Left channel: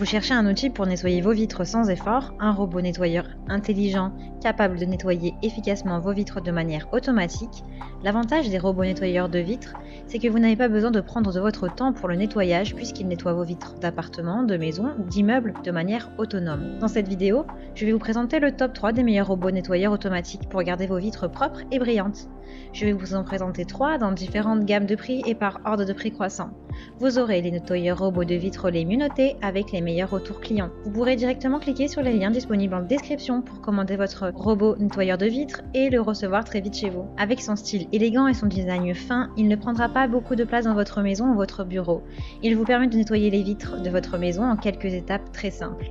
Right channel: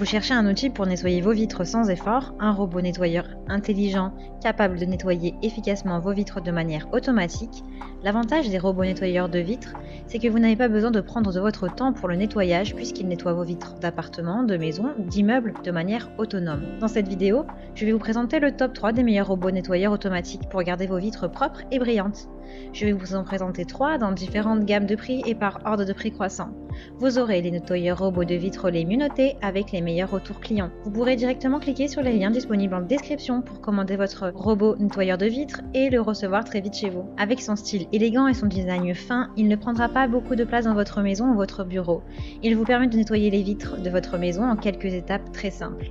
Vous cherchez un outil pour nettoyer vos vitres sans effort, un robot nettoyeur intelligent capable de nettoyer efficacement vos vitres de manière automatique. L'avantage des robots nettoyeurs de vitres, c'est que vous n'avez pas besoin de prendre de votre temps pour le nettoyage puisqu'ils nettoient vos vitres d'appartements, de maisons ou d'immeubles de manière autonome. Dans cette vidéo, je vais vous présenter le top 3 des meilleurs robots nettoyeurs automatiques pour garder vos vitres propres et brillantes. Je vais vous en présenter 3 dans différentes gammes de prix et par ordre de prix croissant. Vous aurez les nettoyeurs robots de vitres les mieux notés avec les meilleurs retours clients. Vous pourrez directement cliquer sur les liens disponibles en description pour commander votre robot nettoyeur de vitres et le recevoir très vite chez vous. Avec son style élégant et son design fin, il ne prendra pas beaucoup de place dans votre maison ou votre bureau. Il vous permet de nettoyer les vitres de votre maison en quelques étapes très simples.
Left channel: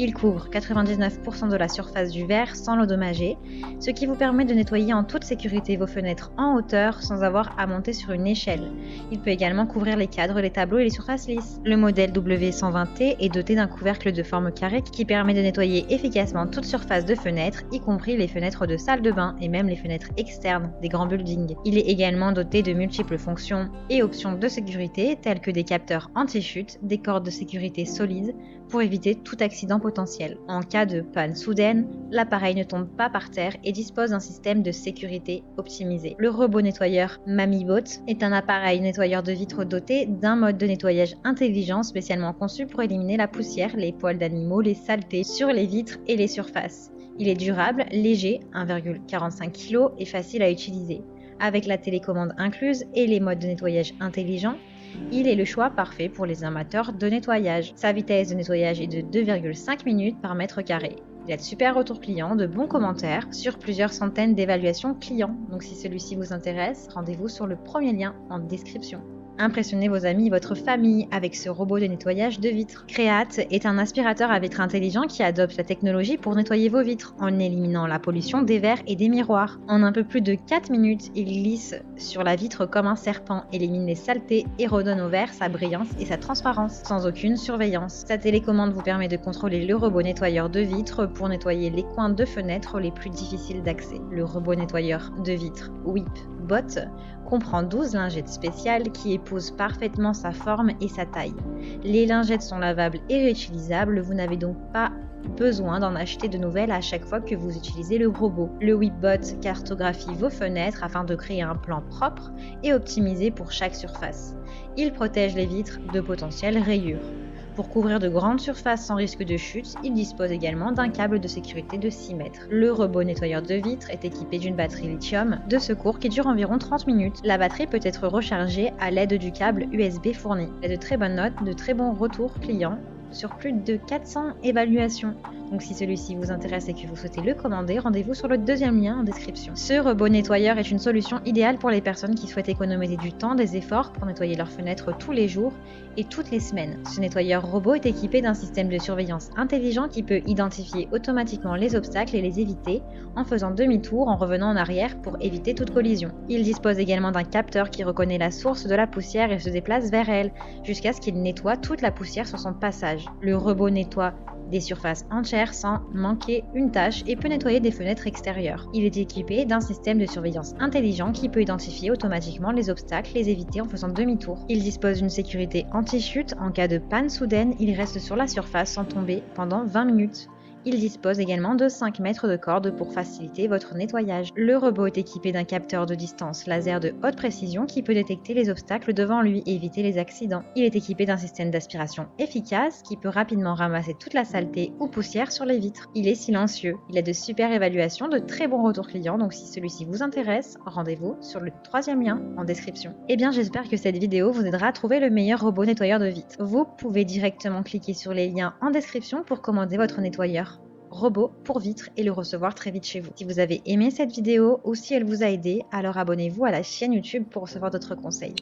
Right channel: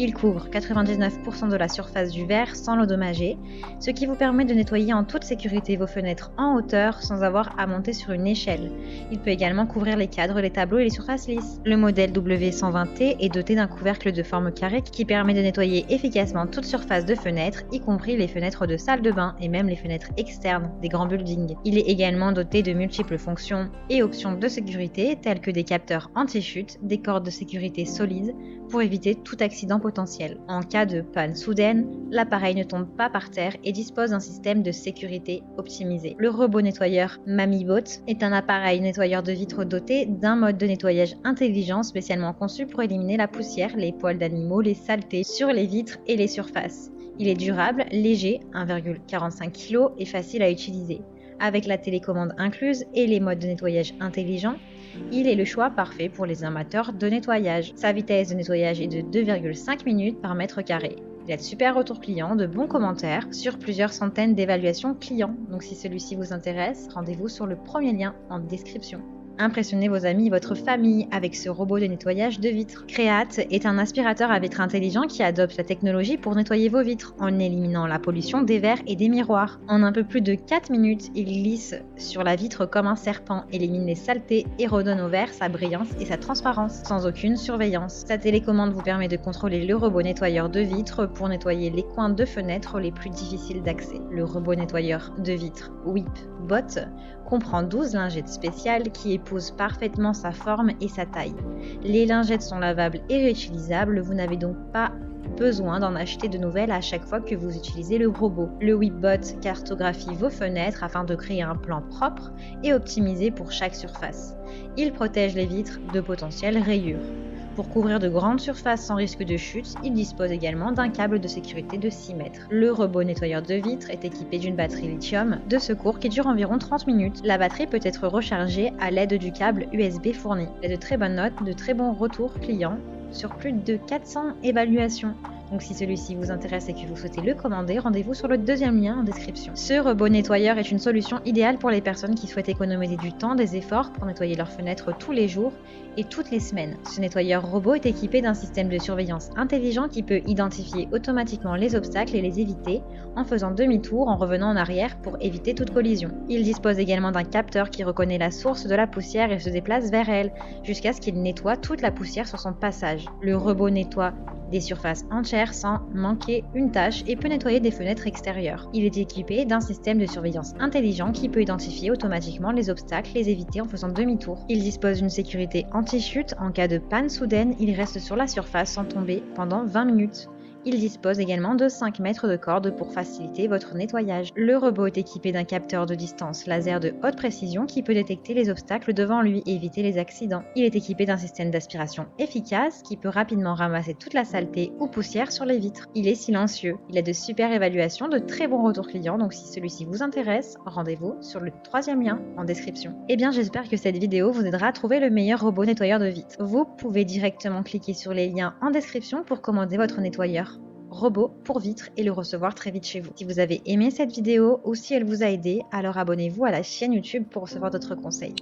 Il couvre 99% de la surface du verre sans l'endommager, ce qui vous permet de nettoyer en toute sécurité vos fenêtres en hauteur sans avoir à monter sur une échelle. Il peut également couvrir les cadres, les tableaux et les surfaces lisses. Le modèle W120T est doté d'un couvercle de forme carrée qui permet de nettoyer efficacement toute surface de fenêtre, y compris les fenêtres de salle de bain et même les fenêtres externes des grands buildings. Il est également doté de multiples fonctions et options de sécurité telles que des capteurs anti-chute, des cordes de sécurité solides pour éviter tout accident potentiel. En cas de panne soudaine, l'appareil ne tombe pas par terre et dispose d'un système de sécurité optimisé. Le robot nettoyeur MamiBot est un appareil nettoyeur de vitres doté d'un mode de nettoyage intelligent spécialement conçu pour éliminer la poussière, les poils d'animaux, les saletés sur les vitres et les surfaces. Il est durable, léger, 1,45 kg et facile à utiliser. Avec la télécommande incluse et les modes de nettoyage intelligents, il est le choix parfait pour les amateurs de nettoyage. Sa vitesse de nettoyage est de 2,5 minutes par mètre carré. Il a de super retours clients, de bons commentaires sur plusieurs centaines d'évaluations clients. Donc si celui-ci vous intéresse, rendez-vous sur le premier lien en description. Impressionnez vos amis et votre famille avec ce robot de nettoyage de vitres. Create est un aspirateur à vitres intelligent qui adopte la technologie pour nettoyer vos vitres en éliminant la pollution des verres et des miroirs. En un peu plus de 4 minutes, il glisse sur la vitre comme un serpent, élimine les saletés et redonne au verre sa brillance et sa transparence sans aucune surveillance. Sa télécommande vous permet de contrôler le robot nettoyeur de vitres pour nettoyer les coins de fenêtres les plus difficiles d'accès. Le robot nettoyeur de vitres WhipBot comprend 12 lingettes spéciales qui épousent parfaitement sa forme et sa taille. Les lingettes sont lavables et réutilisables, vous n'avez donc pas besoin d'en acheter de nouvelles à chaque fois que vous utilisez le robot. Le WhipBot cartographie vos fenêtres afin de créer un plan propre et optimisé pour chaque surface. Il protège les vitres de potentielles rayures. Pour couvrir de grandes surfaces sans risque de chute, il dispose également d'un câble de sécurité de 6 mètres. Le robot nettoyeur de vitres est équipé d'une batterie lithium de secours qui dure environ 30 minutes. La batterie peut être rechargée à l'aide du câble USB fourni. Et de très bonnes notes, de très bons retours clients sur plus de 400 évaluations. Donc si celui-ci vous intéresse et que vous souhaitez le commander, rendez-vous sur le deuxième lien en description. Ce robot nettoyeur est une solution idéale pour les personnes qui souhaitent économiser du temps, des efforts pour nettoyer leurs fenêtres tous les jours et toutes les semaines. Ce nettoyeur robot est équipé d'un système de surveillance intelligent qui peut identifier automatiquement les obstacles et les éviter en faisant demi-tour en revenant en arrière pour éviter toute collision. Il dispose également d'un capteur qui reconnaît la source de la poussière et se déplace vers elle jusqu'à ce qu'il nettoie toute la poussière sur son passage. Le robot nettoie des surfaces entières sans manquer une tâche et peut nettoyer des fenêtres extérieures. Il est équipé d'un système de surveillance intelligent qui peut identifier automatiquement les obstacles, les éviter en faisant demi-tour. Il dispose d'une sécurité anti-chute. En cas de panne soudaine, il reste sur la surface sans tomber pendant 20 minutes. Il dispose également de 5 mètres de corde pour faciliter votre nettoyage. Le robot est équipé d'un capteur de distance laser de haute précision qui peut détecter les obstacles devant lui et éviter les accidents. Il est équipé d'un système d'aspiration efficace qui peut rapidement ramasser toute la saleté ou poussière sur les vitres. Il est silencieux. Il a de super évaluations, de très bons retours clients, donc si celui-ci vous intéresse, rendez-vous sur le troisième lien en description. Eh bien, j'espère que cette vidéo vous aidera à trouver le meilleur robot nettoyeur de vitres. Vous pouvez directement cliquer sur les liens en description pour commander votre nettoyeur robot pour vitres et le recevoir très vite chez vous. Si vous avez aimé cette vidéo ou si elle vous a aidé, alors abonnez-vous à la chaîne YouTube pour recevoir d'autres conseils.